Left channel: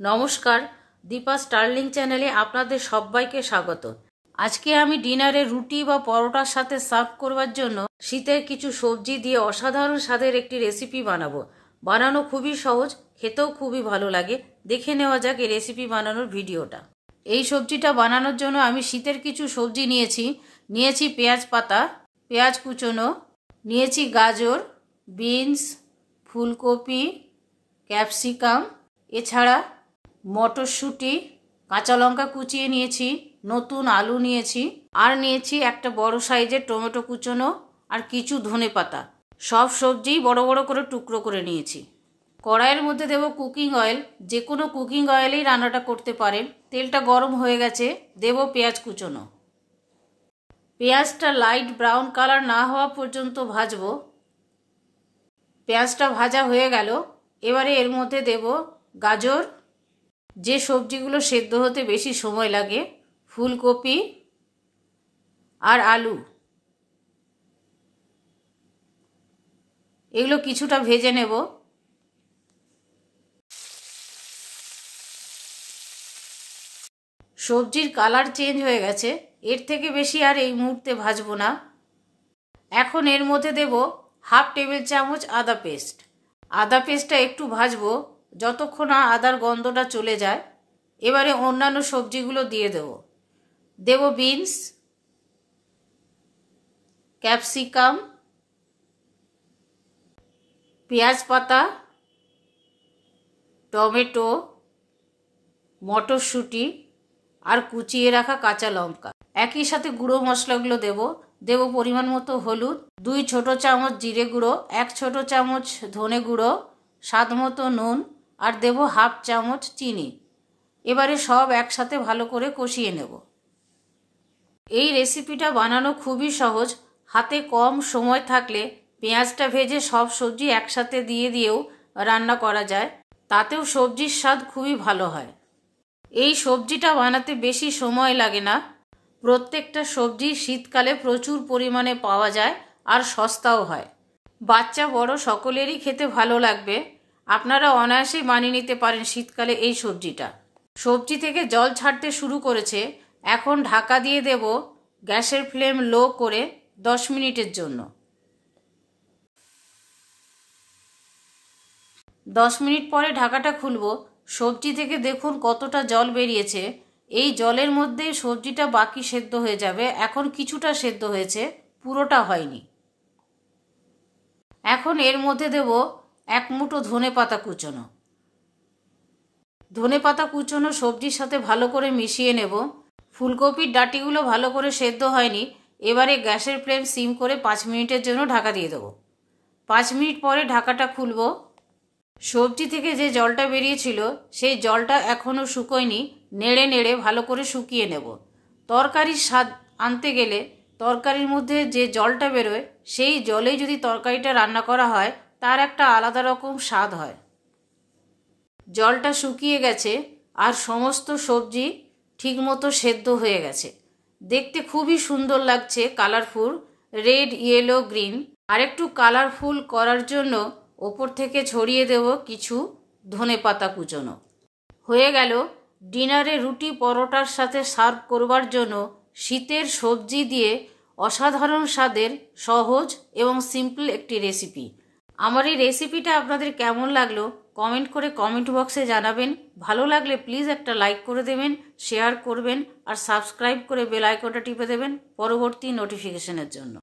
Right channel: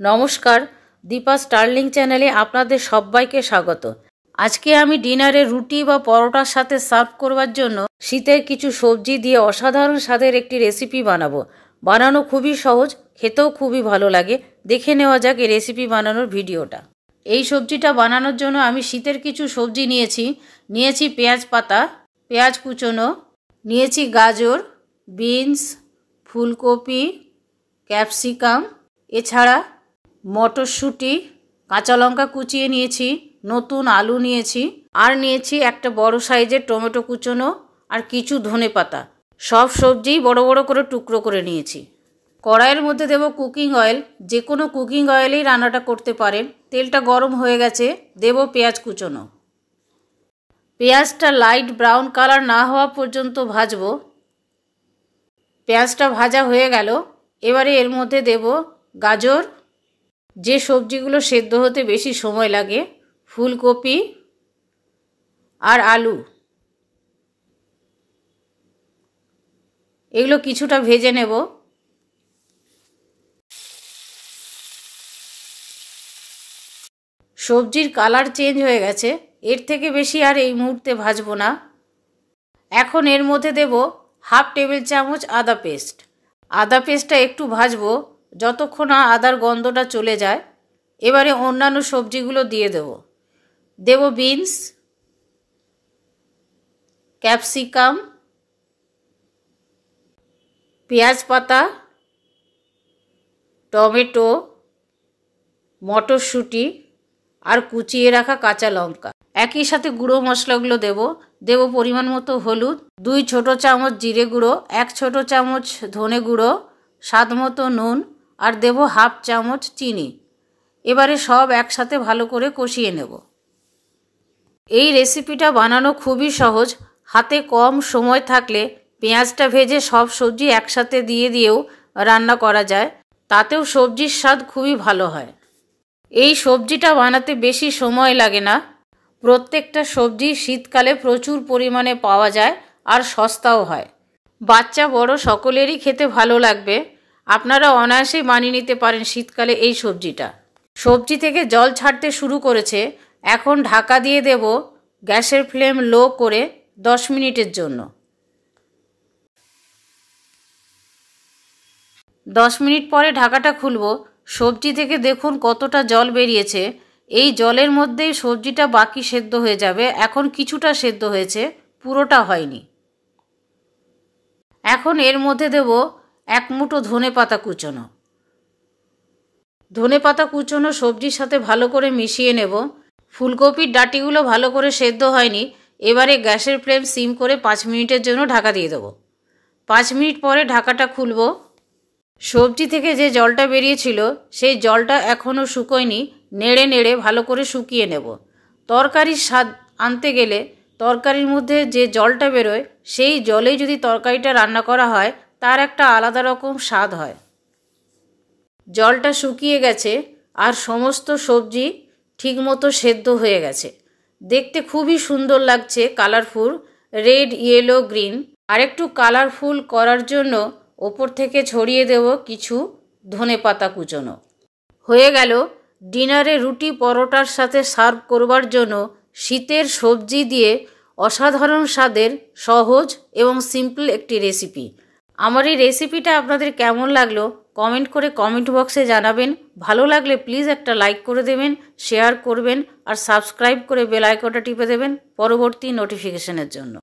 নমস্কার, দীপা স্টার্লিং চ্যানেলে আপনাদের সবাইকে স্বাগত। আজকে আমি ডিনারে রুটি বা পরোটার সাথে সার্ভ করবার জন্য শীতের কিছু সবজি দিয়ে অসাধারণ স্বাদের একটি রেসিপি বানাবো। বানানো খুবই সহজ, খেতেও খুবই ভালো লাগে। দেখে নেওয়া যাক এই রেসিপি বানানোর ভিডিওটা। এই সবজিটা বানানোর জন্য আমি শীতের কিছু সবজি নিয়েছি পেঁয়াজ পাতা, পেঁয়াজ কুচোনো, নিয়েছি গাজর, বিনস, ফুলকপি, ক্যাপসিকাম, এছাড়া মটরশুঁটি, কাঁচা লঙ্কা কুচিয়ে নিয়েছি, নতুন আলু নিয়েছি, আর নিয়েছি একটা বড় সাইজের টমেটো কুচোনো আর কিছু ধনেপাতা। সব সবজি বড় বড় করে টুকরো করে নিয়েছি। কড়াইয়ের মধ্যে দেব কুকিং অয়েল। যে কোনো কুকিং অয়েলেই রান্নাটা করতে পারেন। তেলটা গরম হয়ে গেছে, দেব পেঁয়াজ কুচোনো। পেঁয়াজটা লাইট ব্রাউন কালার না হওয়া পর্যন্ত ভাজবো। পেঁয়াজটা ভাজা হয়ে গেল, এবারে এর মধ্যে দেব গাজর, যে সবজিগুলো সেদ্ধ হতে বেশি সময় লাগে, ফুলকপি আর আলু। এগুলো কিছুটা ভেজে নেব। সবজির কালার চেঞ্জ হয়ে গেছে, এর থেকে বেশি আর এই মুহূর্তে ভাজবো না। এখন এর মধ্যে দেব হাফ টেবিল চামচ আদা পেস্ট। আদা পেস্টটা একটু ভাজবো যতক্ষণ না আদার গন্ধটা চলে যায়। এবারে অন্যান্য সবজিগুলো দিয়ে দেব বিনস, ক্যাপসিকাম, পেঁয়াজ পাতা, টমেটো, মটরশুঁটি আর কুচিয়ে রাখা কাঁচা লঙ্কা। একই সাথে গুঁড়ো মশলাগুলো দেব পরিমাণ মতো হলুদ, 2 ছোট চামচ জিরে গুঁড়ো, 1 ছোট চামচ ধনে গুঁড়ো, স্বাদ মতো নুন, আর দেব হাফ চামচ চিনি। এবারে সব একসাথে ভালো করে কষিয়ে নেব। এই রেসিপিটা বানানো খুবই সহজ। হাতে কম সময় থাকলে পেঁয়াজটা ভেজে সব সবজি একসাথে দিয়েও রান্না করা যায়, তাতেও সবজির স্বাদ খুবই ভালো হয়। এই সবজিটা বানাতে বেশি সময় লাগে না। প্রত্যেকটা সবজি শীতকালে প্রচুর পরিমাণে পাওয়া যায় আর সস্তাও হয়। বাচ্চা বড় সকলেরই খেতে ভালো লাগবে। আপনারা অনায়াসেই বানিয়ে নিতে পারেন শীতকালে এই সবজিটা। সবজি থেকে জল ছাড়তে শুরু করেছে, এখন ঢাকা দিয়ে দেব গ্যাসের ফ্লেম লো করে 10 মিনিটের জন্য। 10 মিনিট পরে ঢাকাটা খুলব। সবজি থেকে দেখুন কতটা জল বেরিয়েছে। এই জলের মধ্যেই সবজিটা বাকি সেদ্ধ হয়ে যাবে। এখন কিছুটা সেদ্ধ হয়েছে, পুরোটা হয়নি। এখন এর মধ্যে দেব 1 মুঠো ধনেপাতা কুচোনো। ধনেপাতা কুচোনো সবজির সাথে ভালো করে মিশিয়ে নেব। ফুলকপির ডাঁটিগুলো ভালো করে সেদ্ধ হয়নি। এবারে গ্যাসের ফ্লেম সিম করে 5 মিনিটের জন্য ঢাকা দিয়ে দেব। 5 মিনিট পরে ঢাকাটা খুলব। সবজি থেকে যে জলটা বেরিয়েছিল সেই জলটা এখনও শুকোয়নি। নেড়ে নেড়ে ভালো করে শুকিয়ে নেব। তরকারির স্বাদ আনতে গেলে তরকারির মধ্যে যে জলটা বেরোয় সেই জলেই যদি তরকারিটা রান্না করা হয় তার একটা আলাদা রকম স্বাদ হয়। জলটা শুকিয়ে গেছে আর সমস্ত সবজি ঠিকমতো সেদ্ধ হয়ে গেছে। দেখতে খুবই সুন্দর লাগছে, কালারফুল, রেড, ইয়েলো, গ্রিন। আর একটু কালারফুল করার জন্য ওপর থেকে ছড়িয়ে দেব কিছু ধনেপাতা কুচোনো। হয়ে গেল ডিনারে রুটি পরোটার সাথে সার্ভ করবার জন্য শীতের সবজি দিয়ে অসাধারণ স্বাদের সহজ এবং সিম্পল একটি রেসিপি। আমার এই রেসিপিটা আপনাদের কেমন লাগলো কমেন্ট করে কমেন্ট বক্সে জানাবেন। ভালো লাগলে প্লিজ একটা লাইক করে দেবেন, শেয়ার করবেন আর সাবস্ক্রাইব করে বেল আইকনটা টিপে দেবেন পরবর্তী নোটিফিকেশনের জন্য।